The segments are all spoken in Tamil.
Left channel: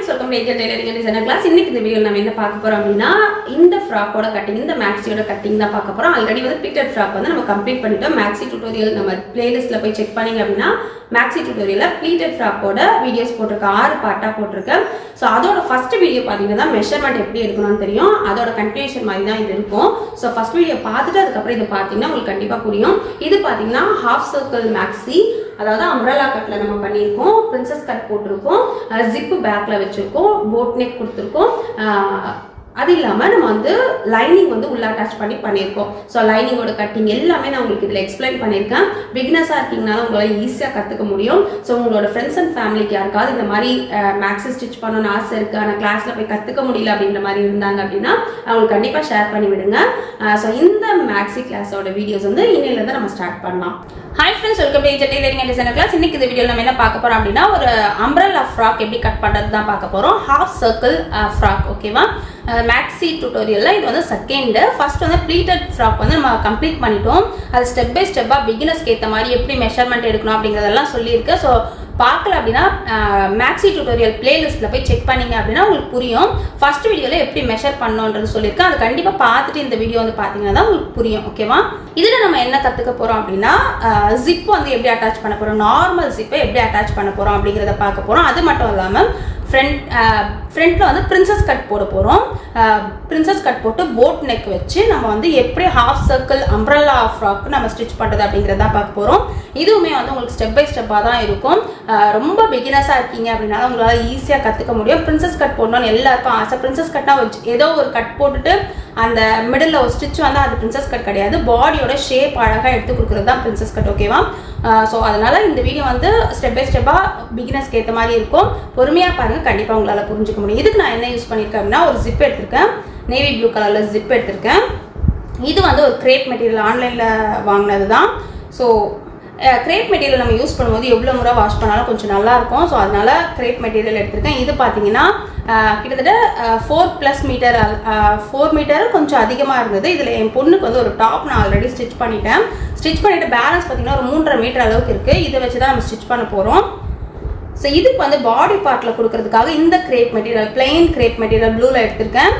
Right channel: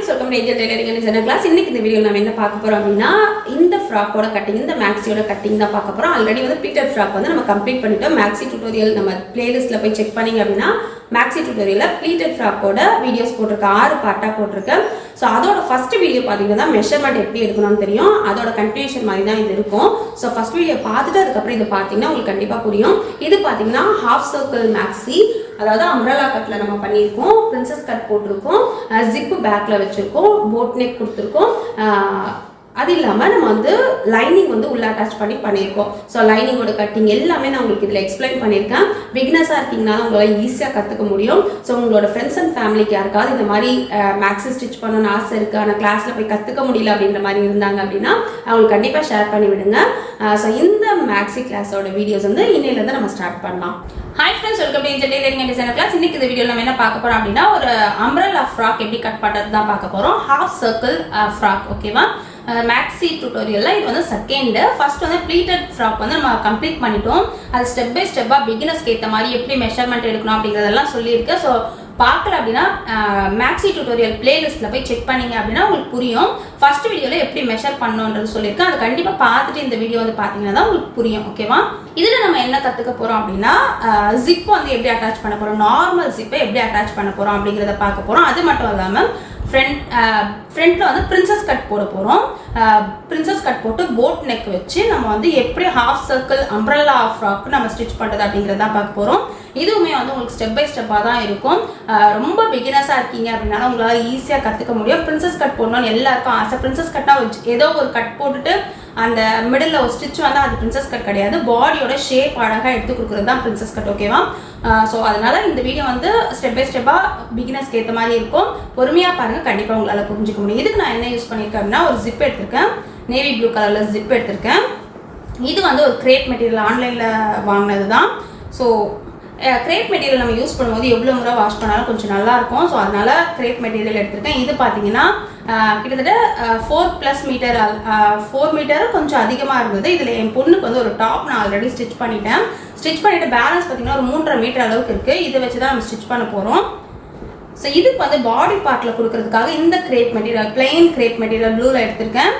friends, welcome to Angel Tailoring and Designer class. இன்னைக்கு இந்த வீடியோல நாம என்ன பார்க்க போறோம் அப்படினா இந்த ஃப்ராக்கோட கட்டிங் இந்த மேக்ஸியோட கட்டிங் தான் பார்க்க போறோம். ஆல்ரெடி வந்து ப்ளீட்டட் ஃப்ராக் வந்து நம்ம கம்ப்ளீட் பண்ணிட்டோம். மேக்ஸி டியூட்டோரியல் நம்ம பிளேலிஸ்ட்ல போய் செக் பண்ணீங்க அப்படினா மேக்ஸி டியூட்டோரியல்ல ப்ளீட்டட் ஃப்ராக்கோட வீடியோஸ் போட்டுருக்கேன். 6 பார்ட்டா போட்டுருக்கேன். சோ அதோட ஃபர்ஸ்ட் வீடியோ பாத்தீங்கன்னா மெஷர்மென்ட் எப்படி எடுக்கணும்னு தெரியும். அதோட கன்டினியூஷன் மாதிரி தான் இது இருக்கும். சோ ஃபர்ஸ்ட் வீடியோ பார்த்துட்டு அதுக்கு அப்புறம் இது பாத்தீங்கன்னா உங்களுக்கு கண்டிப்பா புரியும். இது பாத்தீங்கன்னா ஹாஃப் சர்க்கிள் மேக்ஸி, அதாவது அம்ரலா கட்ல நம்ம பண்ணியிருக்கோம். பிரின்சஸ் கட் போட்டிருக்கோம், ஜிப்பு பேக்ல வச்சிருக்கோம், போட் நெக் கொடுத்துருக்கோம். அது இல்லாமல் நம்ம வந்து லைனிங் வந்து உள்ள அட்டாச் பண்ணியிருக்கோம். ஸோ லைனிங்கோட கட்டிங் எல்லாமே நான் உங்களுக்கு இதில் எக்ஸ்பிளைன் பண்ணியிருக்கேன். பிகினஸாக இருக்கீங்கனாலும் உங்களால் ஈஸியாக கற்றுக்க முடியும். ஸோ உங்களோட ஃப்ரெண்ட்ஸ் அண்ட் ஃபேமிலிக்கு யாருக்காவது இந்த மாதிரி மேக்ஸி ஸ்டிச் பண்ணணும்னு ஆசை இருக்குது, ஆனால் கிளாஸில் போய் கற்றுக்க முடியல அப்படின்ற மாதிரி இருந்தாங்க அப்படின்னா அவங்களுக்கு கண்டிப்பாக ஷேர் பண்ணி விடுங்க. ஸோ இந்த மேக்ஸி கிளாஸோட வீடியோஸ் வந்து இன்னையிலேருந்து நம்ம ஸ்டார்ட் பண்ணலாம். Hi friends, welcome to Angel tailoring and designer class. இன்னைக்கு இந்த வீடியோவில் நம்ம என்ன பார்க்க போகிறோம் அப்படின்னா ஒரு அம்ப்ரெல்லா ஃப்ராக் எப்படி கட் பண்ணுறது தான் பார்க்க போகிறோம். ஹாஃப் சர்க்கிள் ஃப்ராக், ஓகேவா? மேக்ஸி டியூட்டோரியல்ல இது வந்து செகண்ட். ஃபர்ஸ்ட் வந்து ப்ளீட்டட் ஃப்ராக் வந்து நம்ம கம்ப்ளீட் பண்ணிட்டோம். அது ஸ்டெப் பை ஸ்டெப்பாக பிகினர்ஸ்க்கு ஏற்ற மாதிரி எப்படி மெஷர்மெண்ட் எடுக்கணும் அப்படிங்கிறதெல்லாம் சொல்லியிருக்கேன். ஸோ பார்க்கல அப்படின்னா மேக்ஸி டியூட்டோரியல் பிளேலிஸ்ட்டில் போய் செக் பண்ணிங்க அப்படின்னா உங்களுக்கு புரியும். ஃபர்ஸ்ட் வீடியோவில் எப்படி மெஷர் பண்ணணுன்றது சொல்லியிருக்கேன். அது கண்டிப்பாக பார்த்துட்டு இந்த வீடியோ வந்து பார்த்தீங்கன்னா தான் உங்களுக்கு புரியும், ஓகேவா? இதில் நம்ம என்ன கற்றுக்க போகிறோம் அப்படின்னா ஜிப் வந்து எப்படி அட்டாச் பண்ண போகிறோம், நார்மல் ஜிப்பை எப்படி அட்டாச் பண்ண போகிறோம் அப்படிங்கிறத பார்க்க போகிறோம். அது மட்டும் இல்லாமல் ஃப்ரண்ட்ல வந்து பிரின்சஸ் கட் போட போகிறோம். பிரின்சஸ் கட் போட்டு போட் நெக் வச்சு நம்ம வந்து எப்படி ஹாஃப் சர்க்கிள் அம்ப்ரெல்லா ஃப்ராக் நம்ம ஸ்டிச் பண்ணுறது அப்படிங்கிறத பார்க்க போகிறோம். இதுவுமே வந்து உங்களுக்கு ஸ்டெப் பை ஸ்டெப்பாக தான் இருக்கும். ரொம்ப பிகினஸாக இருக்கீங்க அப்படின்னா உங்களால் ஈஸியாக கற்றுக்க முடியும். பிரின்சஸ் கட் போடணும்னு எல்லாருக்கும் ஆசை. பிரின்சஸ் கட்டாக வச்சு ஏதோ ஒரு கட் போட்டுட்டு அந்த மிடில் ஒரு ஸ்டிச் வந்து அது பிரின்சஸ் கட் கிடையாது. பாடியோட ஷேப் அழகாக எடுத்து கொடுக்குறது தான் பிரின்சஸ் கட், ஓகேவா? ஸோ அதனால இந்த வீடியோ வந்து ஸ்டெப் பை ஸ்டெப்பாக பிகினர்ஸ்க்கு ஏற்ற மாதிரி இருக்கும். பொறுமையாக பாருங்கள், கண்டிப்பாக உங்களால் புரிஞ்சுக்க முடியும். இதுக்கு நான் என்ன யூஸ் பண்ணியிருக்கேன் அப்படின்னா ஒரு ஜிப் எடுத்திருக்கேன். நேவி ப்ளூ கலரில் ஜிப் எடுத்திருக்கேன். இது வந்து ஒரு கிரேப் மெட்டீரியல் ஆன்லைனில் வாங்கினது தான். ஸோ கிரேப் மெட்டீரியல் நம்ம யூஸ் பண்ணும்போது எவ்வளோ முறை வாஷ் பண்ணாலும் கொஞ்சம் நல்லாயிருக்கும். ஸோ அதனால கிரேப் மெட்டீரியல் எடுத்திருக்கேன். இது பார்த்தீங்கன்னா கிட்டத்தட்ட 4+ மீட்டர், 4 மீட்டர் கொஞ்சம் அதிகமாக இருந்தது. இதில் என் பொண்ணுக்கு வந்து ஒரு டாப் நான் ஆல்ரெடி ஸ்டிச் பண்ணிட்டேன். ஸ்டிச் பண்ணிவிட்டு பேலன்ஸ் பார்த்தீங்கன்னா ஒரு 3.5 மீட்டர் அளவுக்கு இருக்குது. இதை வச்சு தான் நம்ம ஸ்டிச் பண்ண போகிறோம். ஸோ இதுக்கு வந்து பாடி பார்ட்டில் கொடுக்கறதுக்காக இந்த grape material, plain grape material ப்ளூவில் எடுத்திருக்கேன்.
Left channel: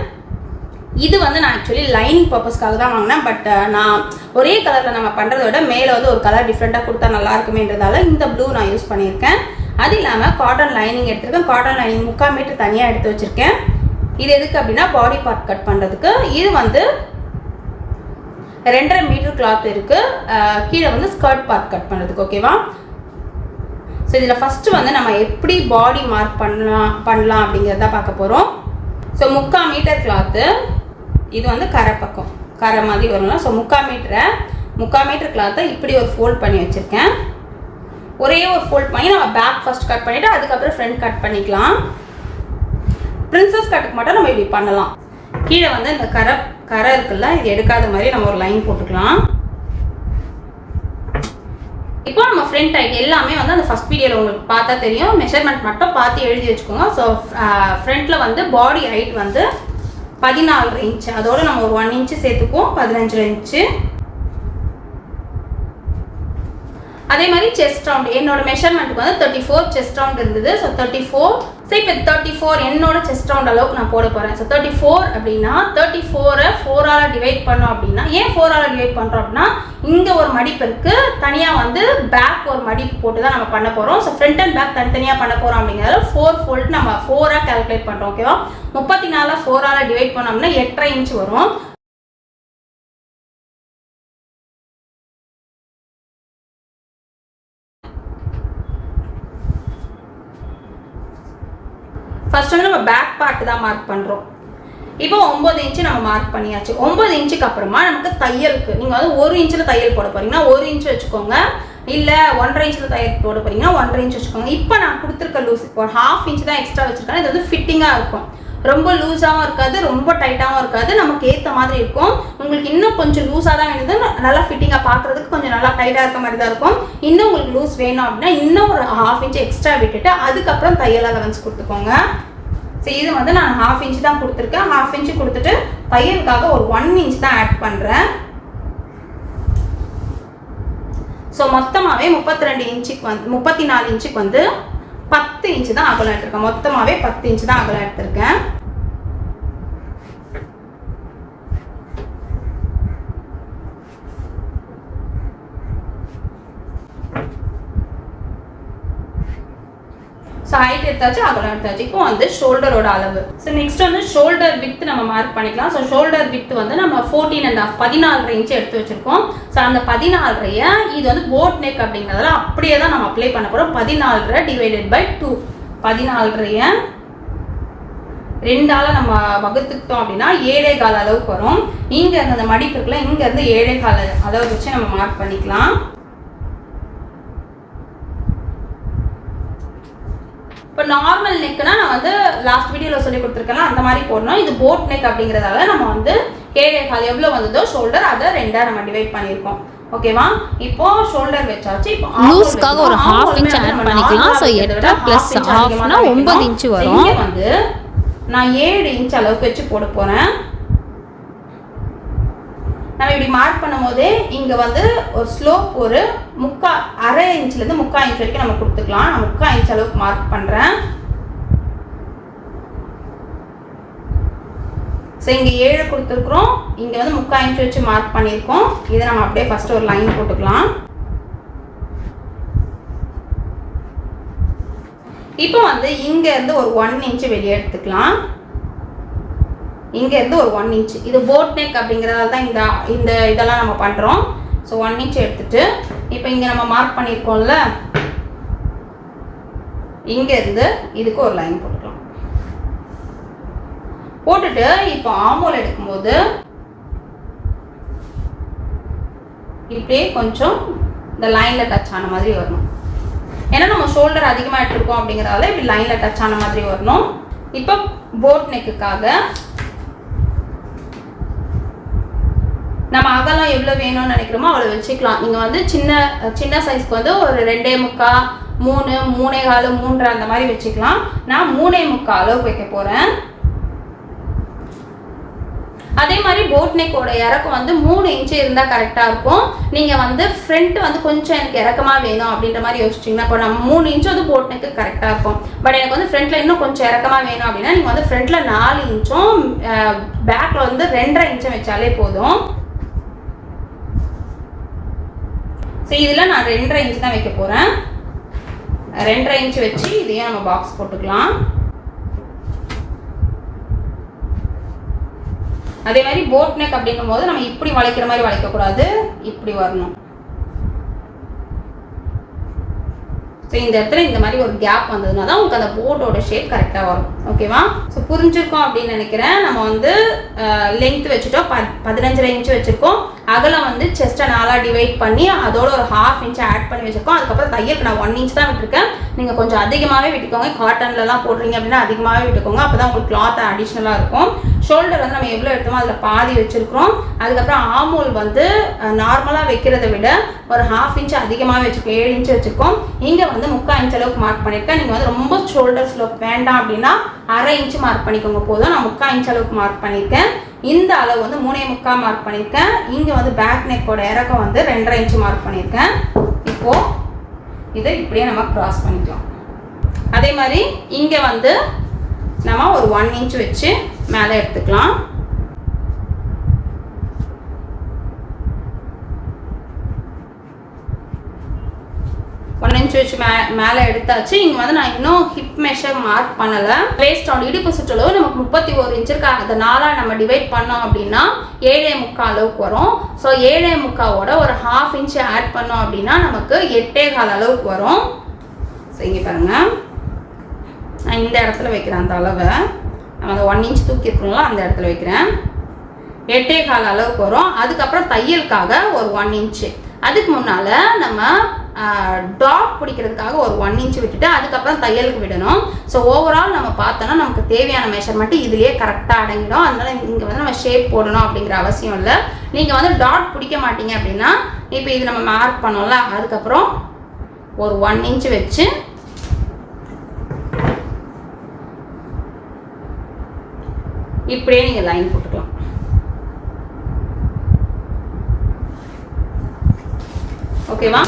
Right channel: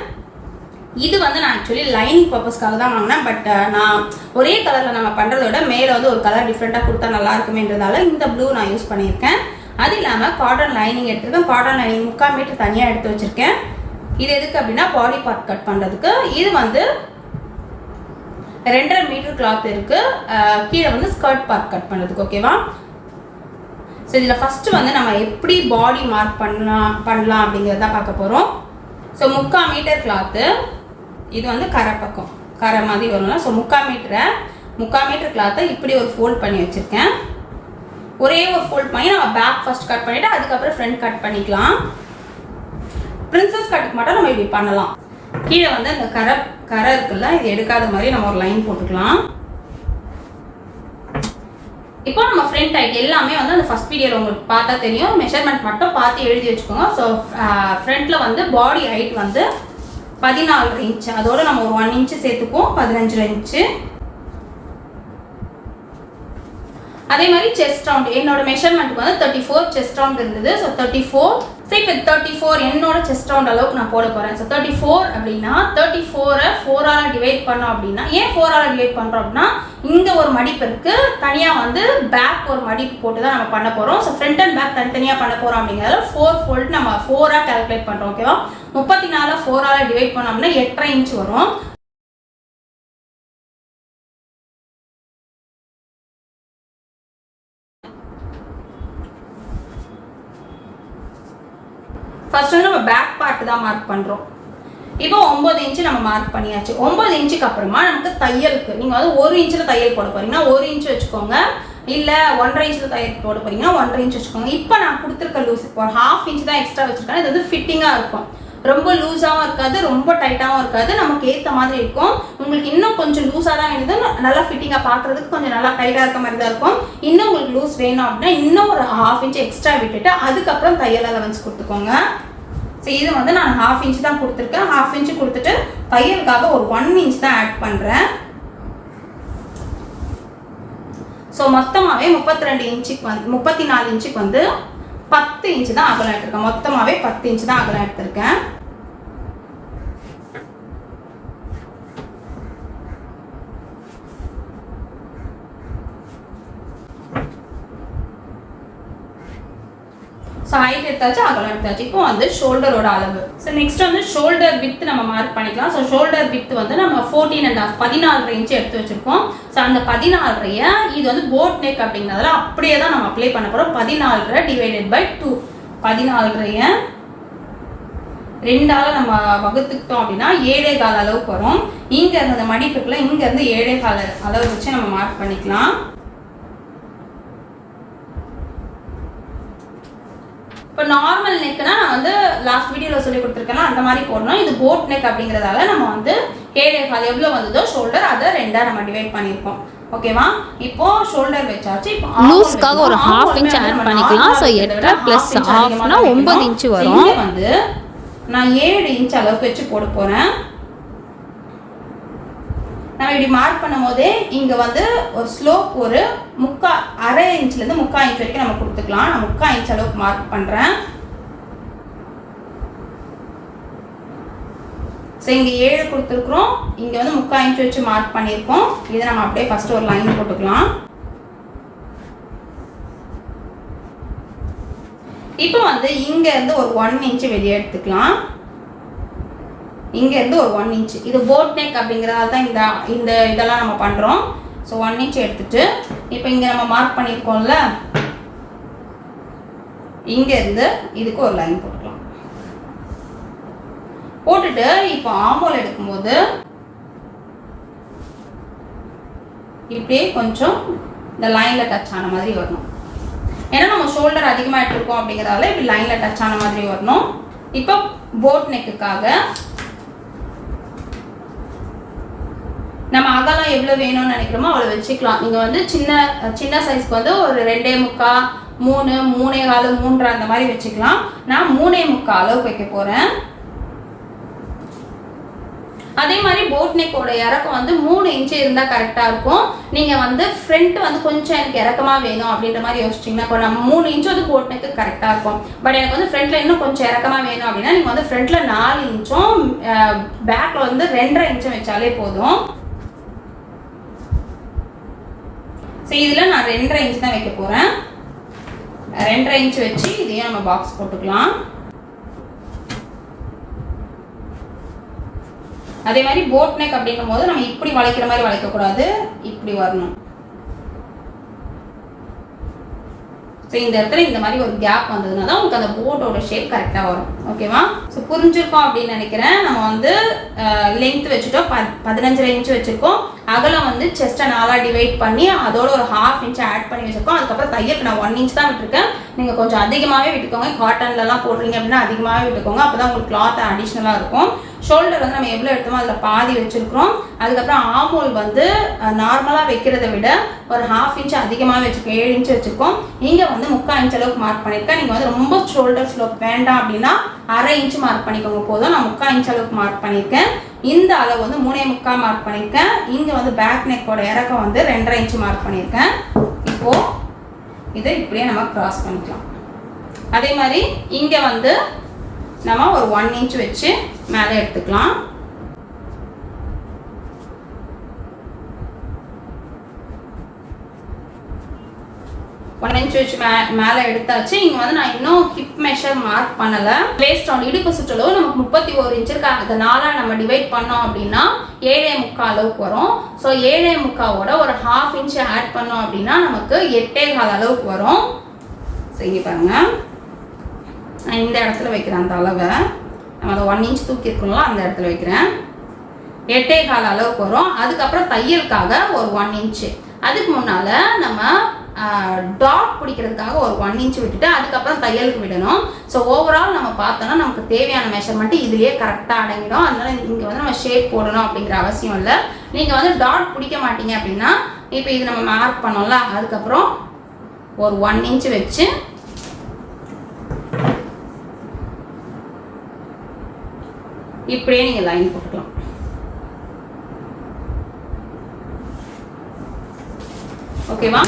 இது வந்து நான் ஆக்சுவலி லைனிங் பர்பஸ்க்காக தான் வாங்கினேன். பட் நான் ஒரே கலரில் நம்ம பண்ணுறத விட மேலே வந்து ஒரு கலர் டிஃப்ரெண்ட்டாக கொடுத்தா நல்லா இருக்குமேன்றதால இந்த ப்ளூ நான் யூஸ் பண்ணியிருக்கேன். அது இல்லாமல் காட்டன் லைனிங் எடுத்திருக்கேன். காட்டன் லைனிங் 3/4 மீட்டர் தனியாக எடுத்து வச்சுருக்கேன். இது எதுக்கு அப்படின்னா பாடி பார்ட் கட் பண்ணுறதுக்கு. இது வந்து 2.5 மீட்டர் கிளாத் இருக்குது. கீழே வந்து ஸ்கர்ட் பார்ட் கட் பண்ணுறதுக்கு, ஓகேவா? ஸோ இதில் ஃபஸ்ட்டு வந்து நம்ம எப்படி பாடி மார்க் பண்ணலாம் அப்படிங்கிறத பார்க்க போகிறோம். ஸோ 3/4 மீட்டர் கிளாத்து, இது வந்து கரை பக்கம், கரை மாதிரி வரலாம். ஸோ 3/4 மீட்டர் கிளாத்தை இப்படி ஒரு ஃபோல்ட் பண்ணி வச்சுருக்கேன். ஒரே ஒரு ஃபோல்ட் பண்ணி நம்ம பேக் ஃபர்ஸ்ட் கட் பண்ணிவிட்டு அதுக்கப்புறம் ஃப்ரண்ட் கட் பண்ணிக்கலாம். பிரின்சஸ் கட்டுக்கு மட்டும் நம்ம இப்படி பண்ணலாம். கீழே வந்து இந்த கரை இருக்குல்ல, இது எடுக்காத மாதிரி நம்ம ஒரு லைன் போட்டுக்கலாம். இப்போ நம்ம ஃப்ரண்ட் ஹைட் எல்லாமே வந்து அந்த ஃபர்ஸ்ட் வீடியோவில் உங்களுக்கு பார்த்தா தெரியும். மெஷர்மெண்ட் மட்டும் பார்த்து எழுதி வச்சுக்கோங்க. ஸோ ஃப்ரண்ட்டில் வந்து பாடி ஹைட் வந்து 14 இன்ச்சு, அதோட நம்ம ஒரு 1 இன்ச்சு சேர்த்துக்குவோம், 15 இன்ச்சு. அதே மாதிரி செஸ்ட் ரவுண்ட், என்னோட மெஷர்மெண்ட்டுக்கு வந்து 34 செஸ்ட் ரவுண்ட் இருந்தது. ஸோ 34. ஸோ இப்போ 34 என்னோட செஸ்ட் ரவுண்ட் அளவுக்கு நான் போட போகிறேன். ஸோ 34 அப்படின்னா 34 4ஆல் டிவைட் பண்ணோம் அப்படின்னா, ஏன் 4ஆல் டிவைட் பண்ணுறோம் அப்படின்னா இங்கே ஒரு மடிப்பு இருக்குது, தனியாக வந்து பேக் ஒரு மடிப்பு போட்டு தான் நம்ம பண்ண போகிறோம். ஸோ ஃப்ரண்ட் அண்ட் பேக் தனித்தனியாக பண்ண போகிறோம் அப்படிங்கிறத 4 ஃபோல்ட் நம்ம 4ஆக கால்குலேட் பண்ணுறோம், ஓகேவா? 34 4ஆல் டிவைட் பண்ணோம்னா 8.5 இன்ச் வரும். ஃபர்ஸ்ட் வந்து நம்ம பேக் பார்ட் தான் மார்க் பண்ணுறோம். இப்போ 9 இன்ச்சு நம்ம மார்க் பண்ணியாச்சு. 9 இன்ச்சுக்கு அப்புறமா நமக்கு தையலுக்கு நீங்கள் வந்து 1 இன்ச்சில் தையல் போட போகிறீங்கன்னா 1 இன்ச்சு வச்சுக்கோங்க. இல்லை 1.5 இன்ச்சில் தையல் போட போகிறீங்கன்னா 1.5 இன்ச் வச்சுக்கோங்க. இப்போ நான் கொடுத்துருக்க லூஸ் இப்போ 1/2 இன்ச் தான் எக்ஸ்ட்ரா வச்சுருக்கேன். இது வந்து ஃபிட்டிங்காக இருக்கும். ரொம்ப லூஸாகவும் இருக்காது, ரொம்ப டைட்டாகவும் இருக்காது, நமக்கு ஏற்ற மாதிரி இருக்கும். உங்களுக்கு இன்னும் கொஞ்சம் லூஸாக தான் வேணுது, நல்லா ஃபிட்டிங்காக பார்க்குறதுக்கு கொஞ்சம் நல்லா டைட்டாக இருக்க மாதிரி தான் இருக்கும். இன்னும் உங்களுக்கு லூஸ் வேணும் அப்படின்னா இன்னும் ஒரு 1/2 இன்ச் எக்ஸ்ட்ரா விட்டுட்டு அதுக்கப்புறம் தையல் அலவன்ஸ் கொடுத்துக்கோங்க. ஸோ இது வந்து நான் 1/2 இன்ச் தான் கொடுத்துருக்கேன். 1/2 இன்ச்சு கொடுத்துட்டு தையலுக்காக ஒரு 1 இன்ச் தான் ஆட் பண்ணுறேன். ஸோ மொத்தமாகவே 32 இன்ச்சுக்கு வந்து 34 இன்ச்சுக்கு வந்து 10 இன்ச்சு தான் அகலம் எடுத்திருக்கேன். மொத்தமாகவே 10 இன்ச்சு தான் அகலம் எடுத்திருக்கேன். ஸோ ஹைட் எடுத்தாச்சு, அகலம் எடுத்தாச்சு. இப்போ வந்து ஷோல்டரோட அளவு. ஸோ நெக்ஸ்ட் வந்து ஷோல்டர் வித் நம்ம மார்க் பண்ணிக்கலாம். ஸோ ஷோல்டர் வித் வந்து நம்ம 14.5 14 இன்ச்சு எடுத்து வச்சிருக்கோம். ஸோ அந்த 14 இது வந்து போட் நெக் அப்படிங்கிறதுல அப்படியே தான் நம்ம அப்ளை பண்ண போகிறோம். 14 டிவைடட் பை 2 14 2ஆல் நம்ம வகுத்துக்கிட்டோம் அப்படின்னா 7.25 அளவுக்கு வரும். இங்கே இருந்து அந்த மடிப்புக்குலாம் இங்கேருந்து 7.25 அளவு வச்சு நம்ம மார்க் பண்ணிக்கலாம். இப்போ நார்மல் நெக்னா நான் வந்து லாஸ்ட் வீடியோவில் சொல்லி கொடுத்துருக்கேன் அந்த மாதிரி போடணும். இது போட் நெக் அப்படிங்கிறதால நம்ம வந்து 7.25 எவ்வளோ வந்ததோ ஷோல்டர் அதை 2ஆக நம்ம டிவைட் பண்ணியிருக்கோம். ஓகேவா? இப்போ ஷோல்டர் வச்சாச்சு. இப்போ லூஸ்க்காக ஒரு 1/2 இன்ச் ஆட் பண்ணிக்கலாம். ஸோ 8 + 1/2னா 9 இன்ச் வரும். வந்து நான் 7 இன்ச் அளவுக்கு வச்சு போட போகிறேன். நம்ம இப்படி மார்க் பண்ணும் போதே இங்கே வந்து ஒரு ஸ்லோப் ஒரு 1/2 இன்ச்லேருந்து 3/4 இன்ச் வரைக்கும் நம்ம கொடுத்துக்கலாம். நான் 3/4 இன்ச் அளவுக்கு மார்க் பண்ணுறேன். ஸோ இங்கே 7 கொடுத்துருக்குறோம், இங்கே வந்து 3/4 இன்ச் வச்சு மார்க் பண்ணியிருக்கோம். இதை நம்ம அப்படியே ஃபஸ்ட்டு ஒரு லைன் போட்டுக்கலாம். இப்போ வந்து இங்கேருந்து ஒரு 1 இன்ச்சு வெளியே எடுத்துக்கலாம். இங்கேருந்து ஒரு 1 இன்ச். இது போட் நெக் அப்படிங்கிறதால தான் இந்த இதெல்லாம் நம்ம பண்ணுறோம். ஸோ 1 இன்ச் எடுத்துட்டு இப்போ இங்கே நம்ம மார்க் பண்ணியிருக்கோம்ல, இங்கேருந்து இதுக்கு ஒரு லைன் போட்டுக்கலாம். போட்டுட்டு இப்போ ஆமோல் எடுக்கும்போது இப்படியே கொஞ்சம் இந்த லைனில் டச் ஆன மாதிரி வரணும். ஏன்னா நம்ம ஷோல்டர் அதிகமாக எடுத்துருக்கோம் அப்படிங்கிறதால இப்படி லைனில் டச் ஆன மாதிரி வரணும். இப்போ போட் நெக்குக்காக நம்ம அகலம் எவ்வளோ வேணும்னு நினைக்கிறோமோ அவ்வளோ வச்சுக்கலாம். நீங்கள் வந்து சின்ன சைஸ்க்கு வந்து ஒரு 2.25 3 3.25 3 அந்த மாதிரி வச்சுக்கலாம். நான் 3.25 அளவுக்கு வைக்க போகிறேன். அதே மாதிரி போட் நெக்கோட இறக்கம் வந்து 3 இன்ச்சு இருந்தால் கரெக்டாக இருக்கும். நீங்கள் வந்து ஃப்ரண்ட் வந்து கொஞ்சம் எனக்கு இறக்கமாக வேணும் அப்படின்ற மாதிரி யோசிச்சிங்கன்னா இப்போ நம்ம 3 இன்ச்சு வந்து போட் நெக்கு கரெக்டாக இருக்கும். பட் எனக்கு வந்து ஃப்ரண்ட்டில் இன்னும் கொஞ்சம் இறக்கமாக வேணும் அப்படின்னா நீங்கள் வந்து ஃப்ரண்ட்டில் 4 இன்ச்சும் பேக்கில் வந்து 2.5 இன்ச்சும் வச்சாலே போதும். ஸோ இதில் நான் 2.5 இன்ச் தான் வைக்க போகிறேன். 2.5 இன்ச் வச்சு இதையே நம்ம பாக்ஸ் போட்டுக்கலாம். அதே மாதிரி போட் நெக் அப்படிங்கும் போது நம்ம இப்படி வளைக்கிற மாதிரி வளைக்கக்கூடாது, இப்படி வரணும். ஸோ இந்த இடத்துல இந்த மாதிரி ஒரு கேப் வந்ததுனா தான் உங்களுக்கு அந்த போட்டோட ஷேப் கரெக்டாக வரும். ஓகேவா? ஸோ புரிஞ்சிருக்கோம் அப்படின்னு நினைக்கிறேன். நம்ம வந்து லென்த் வச்சுட்டோம், 15.5 இன்ச் வச்சுருக்கோம். அகலம் வந்து செஸ்ட்டை 4ஆக டிவைட் பண்ணி அதோட ஒரு 1/2 இன்ச் ஆட் பண்ணி வச்சுருக்கோம். அதுக்கப்புறம் தையலுக்கு நான் 1 இன்ச் தான் விட்டுருக்கேன். நீங்கள் கொஞ்சம் அதிகமாகவே விட்டுக்கோங்க. காட்டன்லலாம் போடுறீங்க அப்படின்னா அதிகமாகவே விட்டுக்கோங்க. அப்போ தான் உங்களுக்கு கிளாத் அடிஷ்னலாக இருக்கும். ஷோல்டர் வந்து நம்ம எவ்வளோ எடுத்தோமோ அதில் பாதி வச்சுருக்கிறோம். அதுக்கப்புறம் ஆமோல் வந்து நார்மலாக வைக்கிறத விட ஒரு 1/2 இன்ச் அதிகமாக வச்சுருக்கோம், 7 இன்ச் வச்சுருக்கோம். இங்கே வந்து 3/4 இன்ச் அளவுக்கு மார்க் பண்ணியிருக்கேன். நீங்கள் வந்து ரொம்ப ஷோல்டர் ஸ்லோப் வேண்டாம் அப்படின்னா 1/2 இன்ச் மார்க் பண்ணிக்கோங்க போதும். நான் 3/4 இன்ச் அளவுக்கு மார்க் பண்ணியிருக்கேன். இந்த அளவு வந்து 3.25 மார்க் பண்ணியிருக்கேன். இங்கே வந்து பேக் நெக்கோட இறக்கம் வந்து 2.5 இன்ச் மார்க் பண்ணியிருக்கேன். இப்போது இதை இப்படியே நம்ம கிராஸ் பண்ணிக்கலாம். அதே மாதிரி இங்கே வந்து நம்ம ஒரு 1 இன்ச் வச்சு மேலே எடுத்துக்கலாம். வச்சு மேலே எடுத்தாச்சு. இங்கே வந்து நான் இன்னும் ஹிப் மெஷர் மார்க் பண்ணலை. வேஸ்ட் ஆன் இடுப்பு சுற்றளவு நமக்கு 31 இன்ச் இருக்கு. அதை 4ஆக நம்ம டிவைட் பண்ணோம் அப்படின்னா 7.25 அளவுக்கு வரும். ஸோ 7.25ஓட ஒரு 1/2 இன்ச் ஆட் பண்ணோம் அப்படின்னா நமக்கு 8.25 அளவுக்கு வரும். ஸோ இங்கே பாருங்க, நான் இந்த இடத்துல வைக்கிறேன். அந்த அளவை நம்ம அதை 1 இன்ச் தூக்கி இருக்கணும்ல அந்த இடத்துல வைக்கிறேன். 8.25 அளவுக்கு வரும். அதுக்கப்புறம் தையலுக்காக ஒரு 1 இன்ச்சு. அதுக்கு முன்னால் நம்ம டாட் பிடிக்கிறதுக்காக ஒரு 1 இன்ச் விட்டுட்டு அதுக்கப்புறம் தையலுக்கு விடணும். ஸோ ஓவரால் நம்ம பார்த்தோன்னா நமக்கு தேவையான மெஷர்மெண்ட் இதுலேயே கரெக்டாக அடங்கிடும். அதனால இங்கே வந்து நம்ம ஷேப் போடணும் அப்படிங்கிற அவசியம் இல்லை. நீங்கள் வந்து டாட் பிடிக்க மாட்டீங்க அப்படின்னா இப்போ இது நம்ம மார்க் பண்ணோம்ல, அதுக்கப்புறம் ஒரு 1 இன்ச் வச்சு இப்படியே நீங்கள் லைன் போட்டுக்கலாம். ஓகேவா?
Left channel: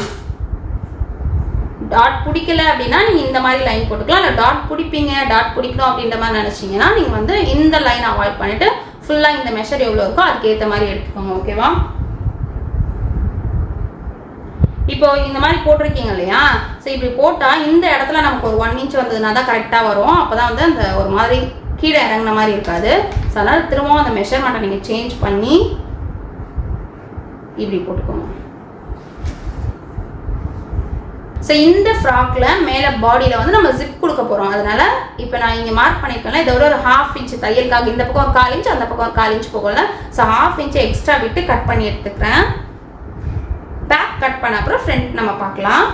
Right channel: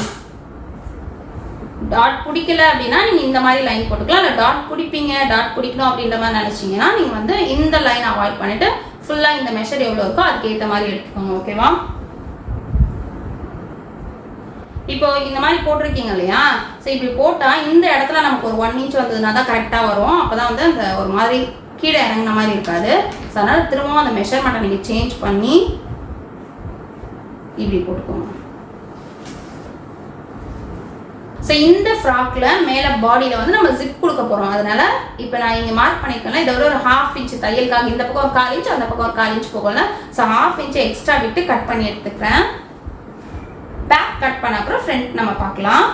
டாட் பிடிக்கல அப்படின்னா நீங்கள் இந்த மாதிரி லைன் போட்டுக்கலாம். இல்லை டாட் பிடிப்பீங்க, டாட் பிடிக்கணும் அப்படின்ற மாதிரி நினச்சிங்கன்னா நீங்கள் வந்து இந்த லைன் அவாய்ட் பண்ணிவிட்டு ஃபுல்லாக இந்த மெஷர் எவ்வளோ இருக்கோ அதுக்கேற்ற மாதிரி எடுத்துக்கோங்க. ஓகேவா? இப்போ இந்த மாதிரி போட்டிருக்கீங்க இல்லையா? ஸோ இப்படி போட்டால் இந்த இடத்துல நமக்கு ஒரு 1 இன்ச் வந்ததுனா தான் கரெக்டாக வரும். அப்போ தான் வந்து அந்த ஒரு மாதிரி கீழே இறங்கின மாதிரி இருக்காது. ஸோ அதனால் திரும்பவும் அந்த மெஷர்மெண்ட்டை நீங்கள் சேஞ்ச் பண்ணி இப்படி போட்டுக்கோங்க. ஸோ இந்த ஃப்ராக்கில் மேலே பாடியில் வந்து நம்ம ஜிப் கொடுக்க போகிறோம். அதனால இப்போ நான் இங்கே மார்க் பண்ணிக்கலாம். இதை ஒரு 1/2 இன்ச் தையலுக்காக இந்த பக்கம் ஒரு 1/4 இன்ச், அந்த பக்கம் ஒரு 1/4 இன்ச் போகல. ஸோ 1/2 இன்ச் எக்ஸ்ட்ரா விட்டு கட் பண்ணி எடுத்துக்கிறேன். பேக் கட் பண்ண அப்புறம் ஃப்ரண்ட் நம்ம பார்க்கலாம்.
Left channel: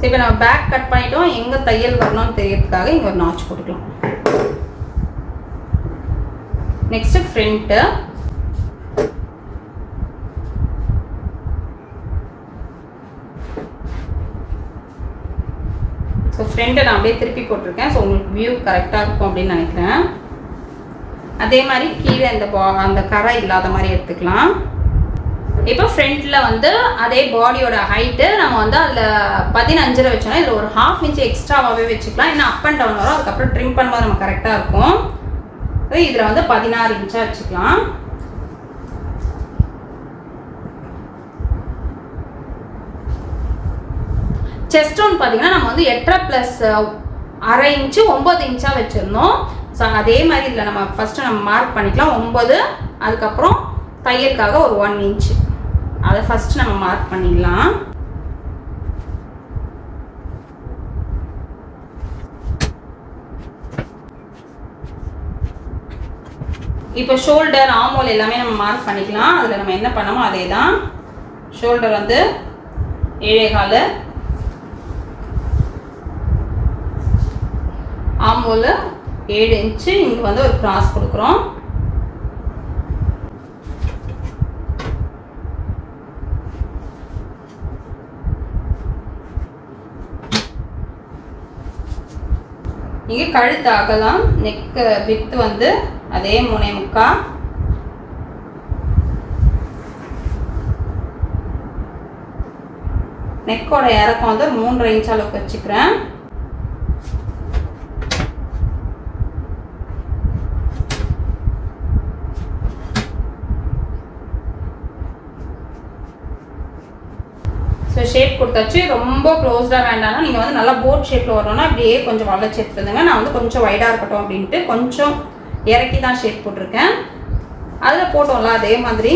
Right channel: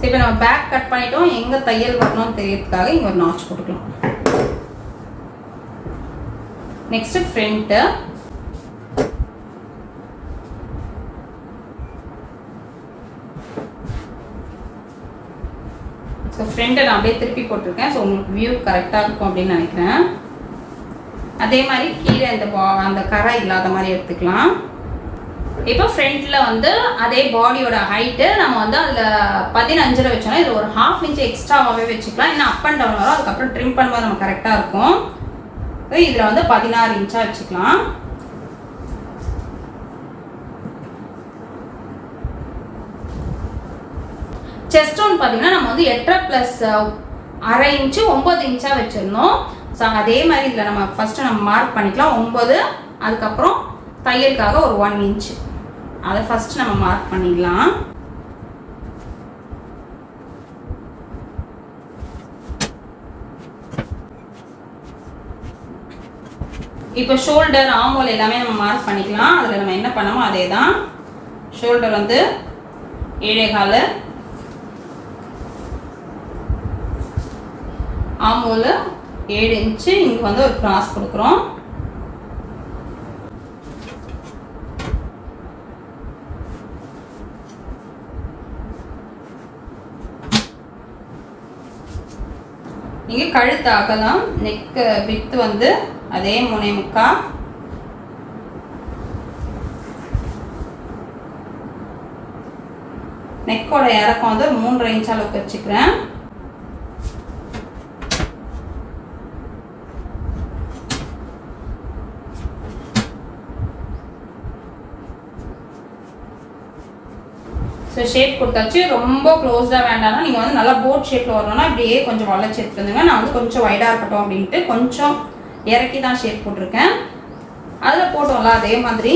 சரி, இப்போ நம்ம பேக் கட் பண்ணிட்டோம். எங்கே தையல் வரணும்னு தெரியறதுக்காக இங்கே ஒரு நாச் போட்டுக்கலாம். Next front. ஸோ ஃப்ரண்ட்டை நான் அப்படியே திருப்பி போட்டிருக்கேன். ஸோ உங்களுக்கு வியூ கரெக்டாக இருக்கும் அப்படின்னு நினைக்கிறேன். அதே மாதிரி கீழே அந்த கரை இல்லாத மாதிரி எடுத்துக்கலாம். இப்போ ஃப்ரண்ட்டில் வந்து அதே பாடியோட ஹைட்டு நம்ம வந்து அதில் 15 வச்சோம்னா இதில் ஒரு 1/2 இன்ச் எக்ஸ்ட்ராவாகவே வச்சுக்கலாம். ஏன்னா அப் அண்ட் டவுன் வரும். அதுக்கப்புறம் ட்ரிம் பண்ணும்போது நம்ம கரெக்டாக இருக்கும். இதில் வந்து 16 இன்ச்சாக வச்சுக்கலாம். செஸ்ட் ரவுண்ட் பார்த்தீங்கன்னா நம்ம வந்து 8.5 + 1/2 இன்ச்சு 9 இன்ச்சாக வச்சுருந்தோம். ஸோ அதே மாதிரி இதில் நம்ம ஃபஸ்ட்டு நம்ம மார்க் பண்ணிக்கலாம் 9. அதுக்கப்புறம் தையலுக்காக ஒரு 1 இன்ச் அதை ஃபஸ்ட்டு நம்ம மார்க் பண்ணிடலாம். இப்போ ஷோல்டர், ஆமோல் எல்லாமே நம்ம மார்க் பண்ணிக்கலாம். அதில் நம்ம என்ன பண்ணமோ அதே தான். ஷோல்டர் வந்து 7.25, ஆமோல் 7 இன்ச்சு. இங்கே வந்து ஒரு கிராஸ் கொடுக்குறோம். இங்கே கழுத்து அகலம், நெக்கு வித்து வந்து அதே 3.25. நெக்கோட இறக்கம் வந்து 3.5 இன்ச் அளவுக்கு வச்சுக்கிறேன். ஸோ ஷேப் கொடுத்தாச்சு. ரொம்ப க்ளோஸ்டாக வேண்டாம்னா நீங்கள் வந்து நல்லா போட் ஷேப்பில் வரணும்னா அப்படியே கொஞ்சம் வளைச்சி எடுத்துருந்துங்க. நான் வந்து கொஞ்சம் வைடாக இருக்கட்டும் அப்படின்ட்டு கொஞ்சம் இறக்கி தான் ஷேப் போட்டிருக்கேன். அதில் போட்டோம்ல அதே மாதிரி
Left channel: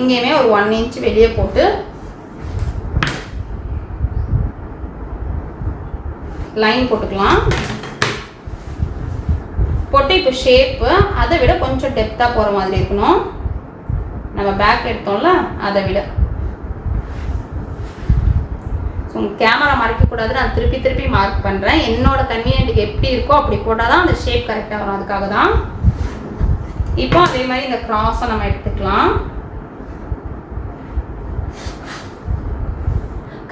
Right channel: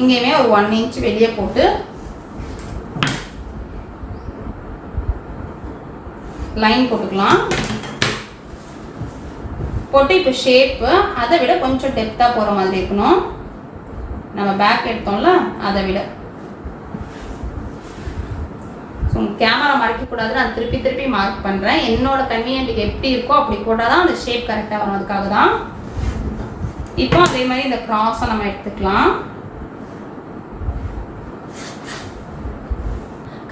இங்கேயுமே ஒரு 1 இன்ச் வெளியே போட்டு லைன் போட்டுக்கலாம். போட்டு இப்போ ஷேப்பு அதை விட கொஞ்சம் டெப்த்தாக போகிற மாதிரி இருக்கணும். நம்ம பேக் எடுத்தோம்ல அதை விட. ஸோ கேமரா மறைக்கக்கூடாது, நான் திருப்பி திருப்பி மார்க் பண்ணுறேன். என்னோட கன்வீனியன்ட்டுக்கு எப்படி இருக்கோ அப்படி போட்டால் தான் அந்த ஷேப் கரெக்டாக வரும். அதுக்காக தான். இப்போ அதே மாதிரி இந்த கிராஸை நம்ம எடுத்துக்கலாம்.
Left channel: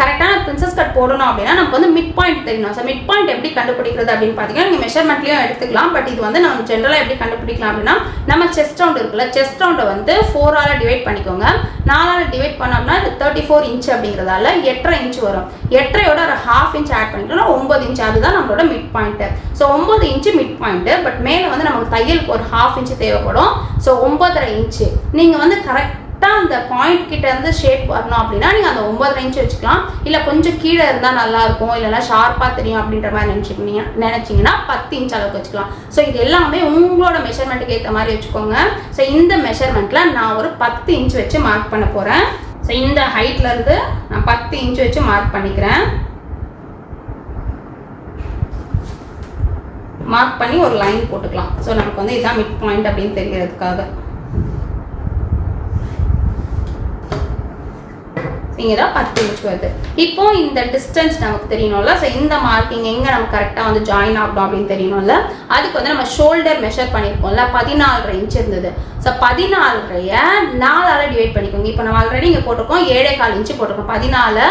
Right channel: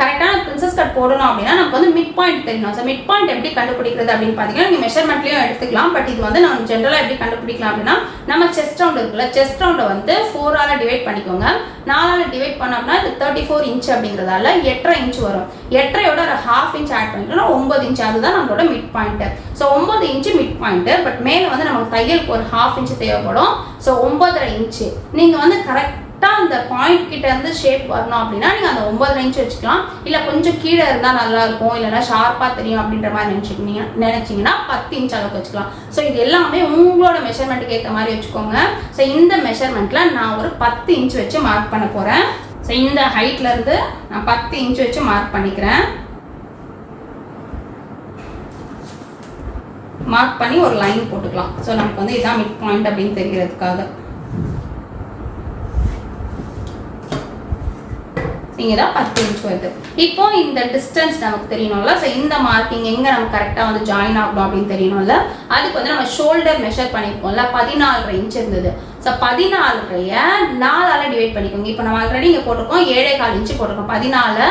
கரெக்டான பிரின்சஸ் கட் போடணும் அப்படின்னா நமக்கு வந்து மிட் பாயிண்ட் தெரியணும். ஸோ மிட் பாயிண்ட் எப்படி கண்டுபிடிக்கிறது அப்படின்னு பார்த்தீங்கன்னா நீங்கள் மெஷர்மெண்ட்லையும் எடுத்துக்கலாம். பட் இது வந்து நம்ம ஜென்ரலாக எப்படி கண்டுபிடிக்கலாம் அப்படின்னா நம்ம செஸ்ட் ரவுண்ட் இருக்குல்ல, செஸ்ட் ரவுண்டை வந்து 4ஆல் டிவைட் பண்ணிக்கோங்க. 4ஆல் டிவைட் பண்ணோம்னா இது 34 இன்ச் அப்படிங்கிறதால 8.5 இன்ச் வரும். 8.5யோட ஒரு 1/2 இன்ச் ஆட் பண்ணிட்டோம்னா 9 இன்ச். அதுதான் நம்மளோட mid point. So 9 inch mid point. But மேலே வந்து நமக்கு தையலுக்கு ஒரு 1/2 இன்ச் தேவைப்படும். So 9.5 inch. நீங்கள் வந்து கரெக்டாக அந்த பாயிண்ட் கிட்ட இருந்து ஷேப் வரணும் அப்படின்னா நீங்கள் அந்த 9.5 இன்ச் வச்சுக்கலாம். இல்லை கொஞ்சம் கீழே இருந்தால் நல்லா இருக்கும், இல்லைன்னா ஷார்ப்பாக தெரியும் அப்படின்ற மாதிரி நினைச்சிங்கன்னா 10 இன்ச் அளவுக்கு வச்சுக்கலாம். ஸோ இது எல்லாமே உங்களோட மெஷர்மெண்ட்டுக்கு ஏற்ற மாதிரி வச்சுக்கோங்க. ஸோ இந்த மெஷர்மெண்ட்டில் நான் ஒரு 10 இன்ச் வச்சு மார்க் பண்ண போகிறேன். ஸோ இந்த ஹைட்லேருந்து நான் 10 இன்ச் வச்சு மார்க் பண்ணிக்கிறேன். மார்க் பண்ணி ஒரு லைன் போட்டுக்கலாம். ஸோ நமக்கு வந்து இதான் மிட் பாயிண்ட் அப்படின்னு தெரியறதுக்காக. இங்கே தான் 10 இன்ச் வருது. இப்போ இந்த டிஸ்டன்ஸ் நமக்கு தெரியணும்ல. ஸோ இந்த மார்க்கிங் எங்கே நம்ம கரெக்டாக வந்து ஜாயின் ஆகணும் அப்படின்னு தெரியணும்ல. அதுக்கு வந்து நம்ம ஷோல்டர் மெஷர் பண்ணியிருக்கோம்ல, 14.5 இன்ச் இருந்தது. ஸோ 14.5 4ஆல் டிவைட் பண்ணிக்கோங்க. இப்போ நம்ம ஆல்ரெடி இங்கே போட்டிருக்கோம் 7.25 இன்ச்சு போட்டிருக்கோம். 14.5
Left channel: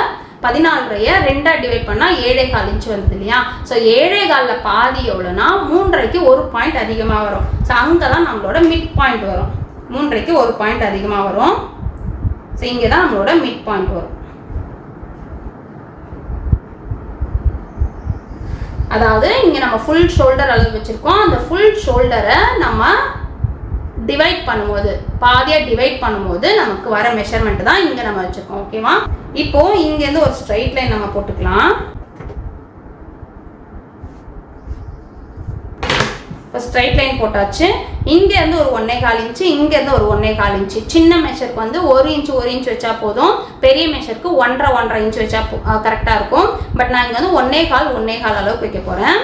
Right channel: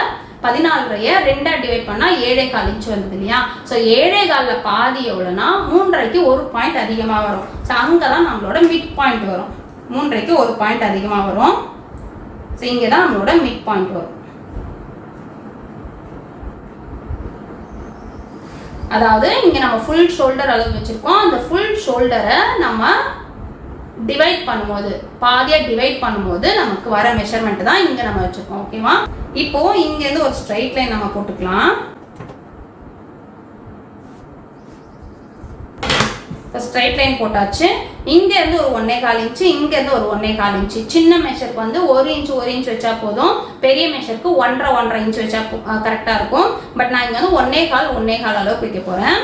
2ஆ டிவைட் பண்ணால் 7.25 இன்ச் வந்தது இல்லையா. ஸோ 7.25 பாதி எவ்வளோனா 3.5க்கு 1 பாயிண்ட் அதிகமாக வரும். ஸோ அங்கே தான் நம்மளோட மிட் பாயிண்ட் வரும். 3.5க்கு 1 பாயிண்ட் அதிகமாக வரும். ஸோ இங்கே தான் நம்மளோட மிட் பாயிண்ட் வரும். அதாவது இங்கே நம்ம ஃபுல் ஷோல்டர் அளவு வச்சுருக்கோம். அந்த ஃபுல் ஷோல்டரை நம்ம டிவைட் பண்ணும்போது, பாதியாக டிவைட் பண்ணும்போது நமக்கு வர மெஷர்மெண்ட் தான் இங்கே நம்ம வச்சுருக்கோம். ஓகேவா? இப்போ இங்கேருந்து ஒரு ஸ்ட்ரைட் லைன் நம்ம போட்டுக்கலாம். இப்போ ஸ்ட்ரைட் லைன் போட்டாச்சு. இங்கேருந்து ஒரு 1.25 இன்ச்சு, இங்கேருந்து ஒரு 1.25 இன்ச்சு. சின்ன மெஷருக்கு வந்து 1 இன்ச் வச்சா போதும். பெரிய மெஷருக்கு 1.5 இன்ச் வச்சா கரெக்டாக இருக்கும். பட் நான் இங்கே வந்து 1.25 அளவுக்கு வைக்க போகிறேன்.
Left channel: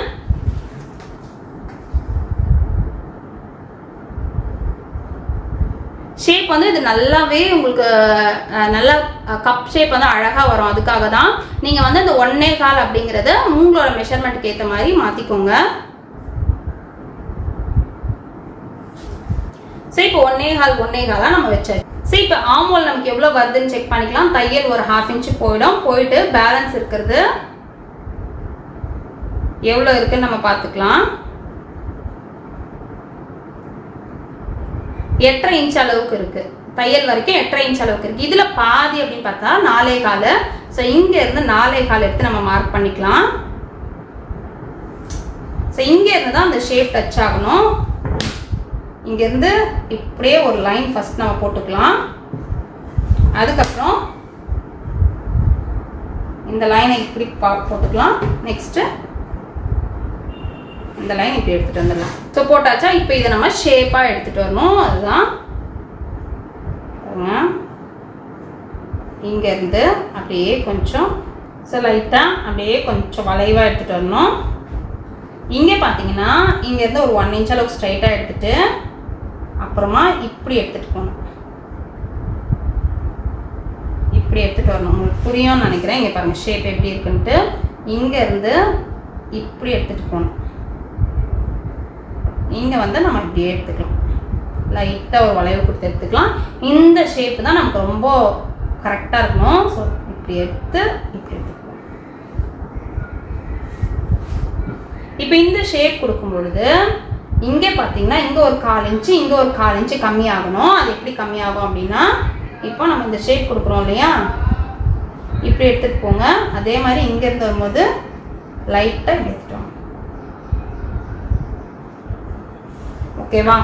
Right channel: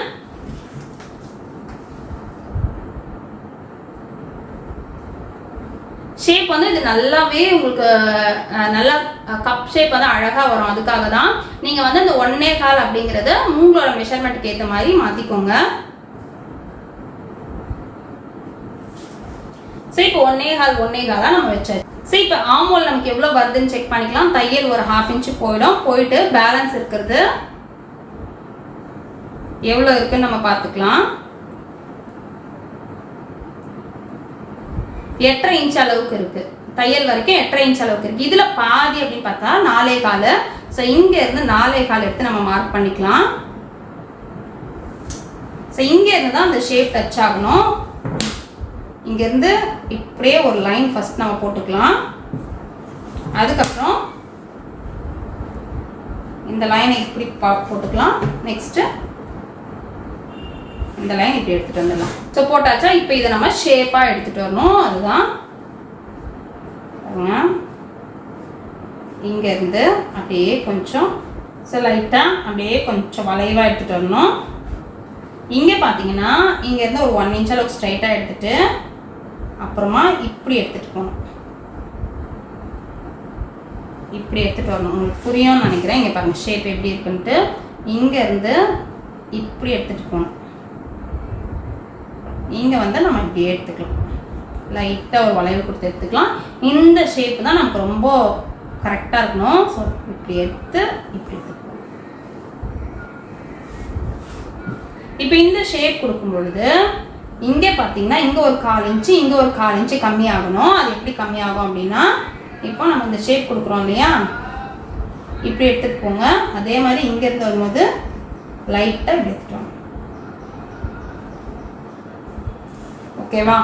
ஷேப் வந்து இது நல்லாவே உங்களுக்கு நல்ல கப் ஷேப் வந்து அழகாக வரும். அதுக்காக தான் நீங்கள் வந்து இந்த 1.25 அப்படிங்கிறத உங்களோட மெஷர்மெண்ட்டுக்கு ஏற்ற மாதிரி மாற்றிக்கோங்க. ஸோ இப்போ 1.25 நம்ம வச்சாச்சு. ஸோ இப்போ ஆமோல் நமக்கு எவ்வளோ வருதுன்னு செக் பண்ணிக்கலாம். தையல் ஒரு 1/2 இன்ச்சு போயிட்டு பேலன்ஸ் இருக்கிறது எவ்வளோ இருக்குன்னு நம்ம பார்த்துக்கலாம். 8.5 இன்ச் அளவுக்கு இருக்கு. தையல் வரைக்கும் 8.5 இன்ச் அளவுக்கு இருக்கு. இதுல பாதி அப்படின்னு பார்த்தா 4.25. ஸோ இங்க இருந்து 4.25 எடுத்து நம்ம மார்க் பண்ணிக்கலாம். ஸோ இங்க இருந்து தான் அந்த ஷேப் டச் ஆகணும். இங்க இருந்து இப்படியே ஒரு லைன் ஃபர்ஸ்ட் நம்ம போட்டுக்கலாம். அதுக்கப்புறம் இந்த லைனை இப்படி போட்டுக்கலாம். நெக்ஸ்ட் இந்த லைன் இப்படி எடுத்துட்டு வந்துடலாம். ஸோ போட்டாச்சா? இப்போ இதை நம்ம ஷேப்பாக எடுத்துட்டு வரணும். அதுதான் இங்கேருந்து அப்படியே கொஞ்சம் லைட்டாக அப்படியே கொஞ்சம் வளைவாக எடுத்துகிட்டு வரணும். இங்கே பார்த்தீங்கன்னா இங்கேருந்து ஒரு 1 இன்ச் அளவுக்கு ஸ்ட்ரைட்டாக எடுத்துட்டு அப்புறமா இப்படி எடுத்துகிட்டு போகணும். இப்படி எடுத்துகிட்டு வரணும். உங்களுக்கு புரியும்னு நினைக்கிறேன். இங்கே பாருங்கள் ஷேப் எப்படி இருக்குன்ட்டு. இங்கேருந்து இப்படி எடுத்துகிட்டு போகணும். இங்கே வந்து நம்ம இப்படி எடுத்துக்கலாம். லைட்டாக ஒரு வளைவு கொடுத்து எடுத்துக்கலாம். இந்த ஷேப்பு தான் நமக்கு ரொம்ப கரெக்டாக இருக்கணும். ஸோ இப்படி எடுத்து இப்படி எடுத்துக்கலாம். இப்போ இந்த ஷேப் கொடுக்கும் பொழுது இங்கே பார்த்தீங்கன்னா இங்கே ஒரு 1/4 இன்ச்சு, இங்கே ஒரு 1/4 இன்ச்சு கம்மியாகணும். அது எப்படி கம்மியாகும் அப்படின்னா, இப்போ நம்ம இந்த ஷேப் கொடுக்குறோம் இல்லையா, இப்படி எடுத்துகிட்டு போங்க. அதே மாதிரி இங்கேருந்து வரும்போது லைட்டாக இப்படி எடுத்துட்டோம். ஓகேவா?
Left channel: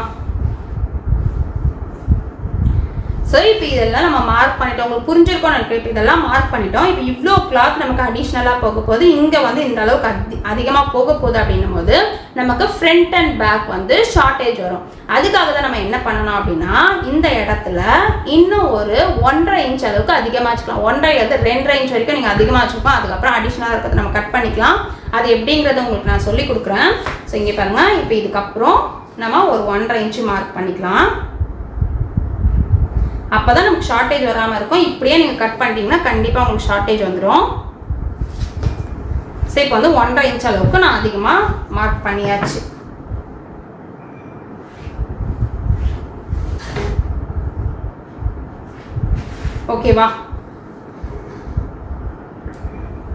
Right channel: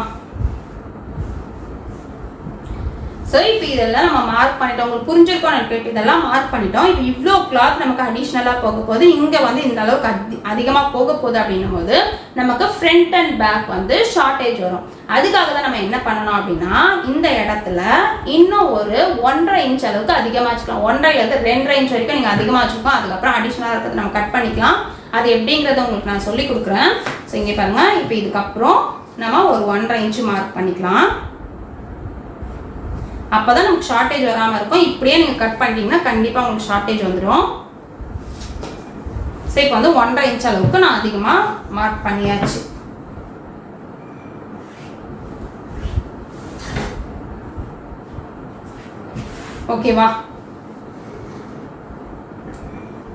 ஸோ இப்போ இதெல்லாம் நம்ம மார்க் பண்ணிட்டோம். உங்களுக்கு புரிஞ்சிருக்கோம் நினைக்கிறேன். இதெல்லாம் மார்க் பண்ணிட்டோம். இப்போ இவ்வளோ கிளாத் நமக்கு அடிஷ்னலாக போக போகுது. இங்கே வந்து இந்த அளவுக்கு அதிகமாக போக போகுது அப்படின்னும் போது நமக்கு ஃப்ரண்ட் அண்ட் பேக் வந்து ஷார்ட்டேஜ் வரும். அதுக்காக தான் நம்ம என்ன பண்ணணும் அப்படின்னா, இந்த இடத்துல இன்னும் ஒரு 1.5 இன்ச் அளவுக்கு அதிகமாக வச்சுக்கலாம். 1.5 2.5 இன்ச் வரைக்கும் நீங்கள் அதிகமாக வச்சுக்கலாம். அதுக்கப்புறம் அடிஷ்னலாக இருக்கிறது நம்ம கட் பண்ணிக்கலாம். அது எப்படிங்கிறத உங்களுக்கு நான் சொல்லி கொடுக்குறேன். ஸோ இங்கே பாருங்கள். இப்போ இதுக்கப்புறம் நம்ம ஒரு 1.5 இன்ச்சு மார்க் பண்ணிக்கலாம். அப்போ தான் நமக்கு ஷார்ட்டேஜ் வராமல் இருக்கும். இப்படியே நீங்கள் கட் பண்ணிட்டீங்கன்னா கண்டிப்பாக உங்களுக்கு ஷார்ட்டேஜ் வந்துடும். சரி, இப்போ வந்து 1.5 இன்ச் அளவுக்கு நான் அதிகமாக மார்க் பண்ணியாச்சு. ஓகேவா?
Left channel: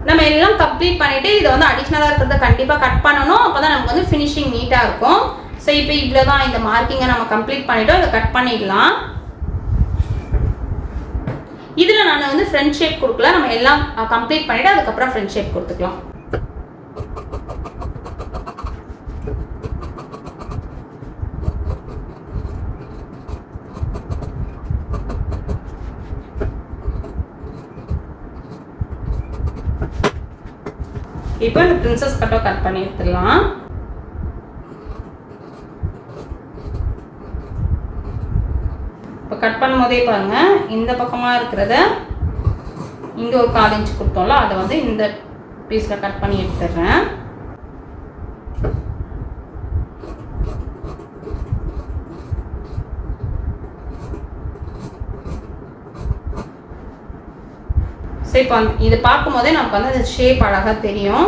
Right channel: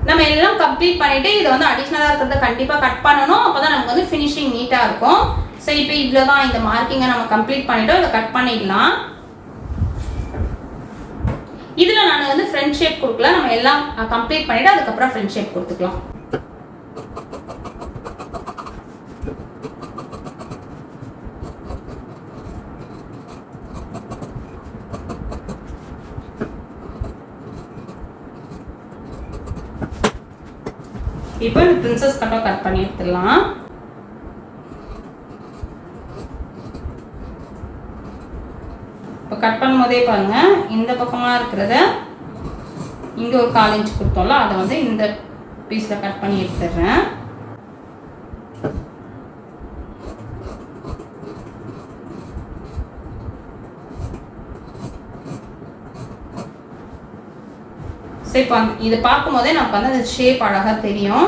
நம்ம எல்லாம் கம்ப்ளீட் பண்ணிட்டு இதை வந்து அடிஷ்னலாக இருக்கிறத கண்டிப்பாக கட் பண்ணணும். அப்போ தான் நமக்கு வந்து ஃபினிஷிங் நீட்டாக இருக்கும். ஸோ இப்போ இவ்வளோ தான். இந்த மார்க்கிங்கை நம்ம கம்ப்ளீட் பண்ணிவிட்டோம். இதை கட் பண்ணிடலாம். இதில் நான் வந்து ஃப்ரண்ட் ஷேப் கொடுக்கல. நம்ம எல்லாம் கம்ப்ளீட் பண்ணிவிட்டு அதுக்கப்புறம் ஃப்ரண்ட் ஷேப் கொடுத்துக்கலாம். இப்போ இந்த பிரின்சஸ் கட்டை கட் பண்ணி எடுத்துடலாம். இப்போ கட் பண்ணும்போதே பாருங்க, இந்த பக்கமாக இருக்கிறத இங்கே ஒரு 1/4 இன்ச் கொடுத்தோம்ல, அதை வந்து இந்த பீஸில் கட் பண்ணி எடுத்துடுறேன். ஸோ இப்போ இது பார்க்கும் போதே நமக்கு வந்து அந்த ஷேப் அழகாக தெரியும்.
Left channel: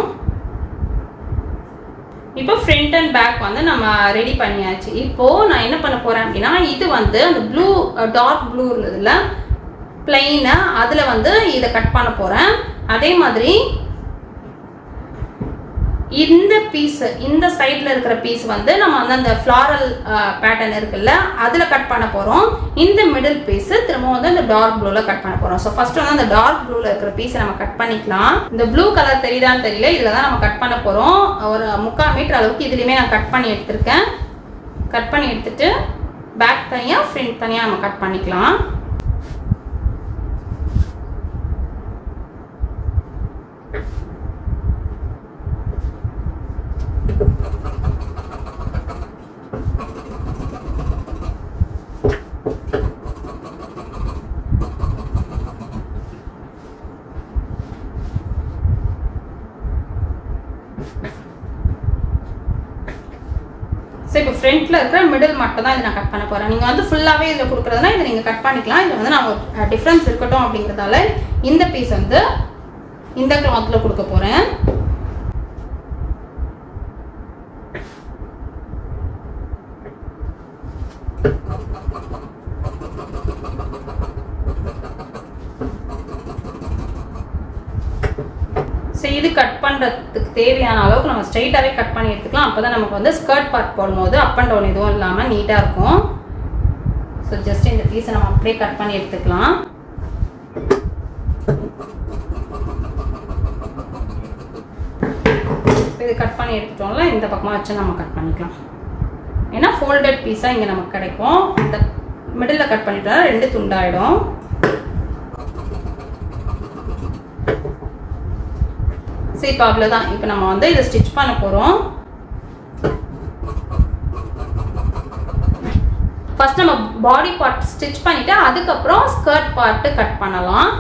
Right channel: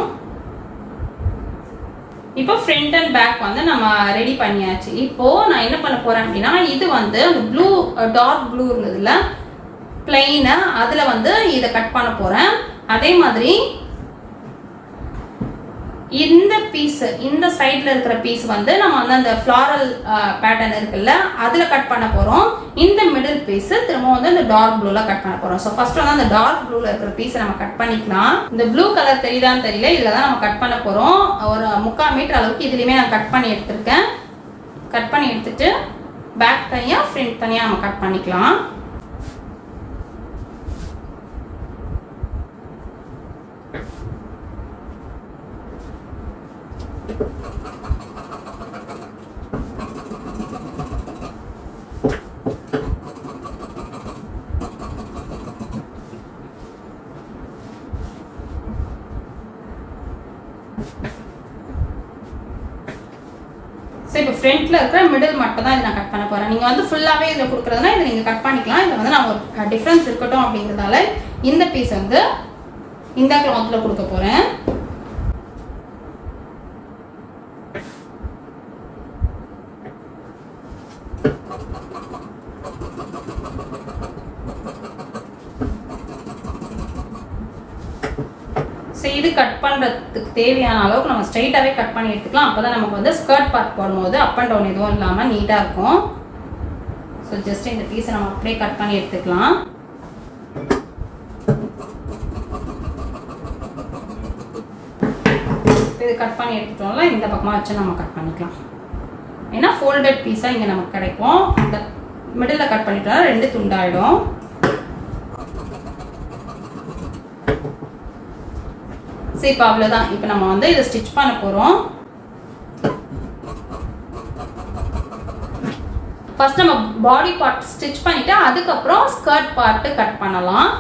இப்போ ஃப்ரண்ட் அண்ட் பேக் வந்து நம்ம ரெடி பண்ணியாச்சு. இப்போது நான் என்ன பண்ண போகிறேன் அப்படின்னா, இது வந்து அந்த ப்ளூ டார்க் ப்ளூ இருந்ததுல பிளெயினு, அதில் வந்து இதை கட் பண்ண போகிறேன். அதே மாதிரி இந்த பீஸ், இந்த சைடில் இருக்கிற பீஸ் வந்து நம்ம வந்து அந்த ஃப்ளாரல் பேட்டர்ன் இருக்குல்ல அதில் கட் பண்ண போகிறோம். இந்த மிடில் பீஸ் திரும்ப வந்து அந்த டார்க் ப்ளூவில் கட் பண்ண போகிறோம். ஸோ ஃபர்ஸ்ட் வந்து அந்த டார்க் ப்ளூவில் இருக்கிற பீஸை நம்ம கட் பண்ணிக்கலாம். இந்த ப்ளூ கலர் தெரியுதான்னு தெரியல, இதில் தான் நம்ம கட் பண்ண போகிறோம். ஒரு 3/4 மீட்டர் அளவுக்கு இதுலேயுமே நான் கட் பண்ணி எடுத்திருக்கேன். கட் பண்ணி எடுத்துட்டு பேக் தனியாக ஃப்ரண்ட் தனியாக நம்ம கட் பண்ணிக்கலாம். ஸோ இப்போ ஃப்ரண்ட்டில் இருக்கிற மிடில் மட்டும் தான் இதை நான் கட் பண்ண போகிறேன். நீங்கள் வந்து ஃபுல்லாகவே இதில் கொடுக்குறதுனா இதை நீங்கள் கட் பண்ணிக்கலாம். இதில் வந்து நான் ஒரு டிஃப்ரென்ஸ் இருக்கட்டும் அப்படிங்கிறதால இந்த பீஸ் வந்து இந்த கிளாத்தில் கொடுக்க போகிறேன். ஸோ இது கட் பண்ணுறதுக்கு தேவையான அளவுக்கு நம்ம ஸ்ட்ரைட்டாகவே கட் பண்ணி எடுத்துக்கலாம். அப்போ தான் நமக்கு வந்து ஸ்கர்ட் பார்ட் போடும்போது அப் அண்ட் டவுன் எதுவும் இல்லாமல் நீட்டாக இருக்கும். ஸோ ஜஸ்ட் இந்த பீஸை நம்ம அப்படியே கட் பண்ணி எடுத்துக்கலாம். இது கட் பண்ணி எடுத்துட்டோம்ல, இந்த பக்கமாக வச்சு நம்ம கட் பண்ணிக்கலாம். ஏன்னா ஃபோல்டட் பீஸாக இங்கே நமக்கு கிடைக்கும். இந்த மிடில் கட் பண்ணிட்டா 2 துண்டாயிடும். சரி, இப்போ அவ்வளோதான். இப்போ நம்ம வந்து இதை ஸ்டிச் பண்ண போகிறோம். ஃபர்ஸ்ட் நம்ம பாடி பார்ட் ஸ்டிச் பண்ணிவிட்டு அதுக்கப்புறம் ஸ்கர்ட் பார்ட்டு கட் பண்ணலாம்.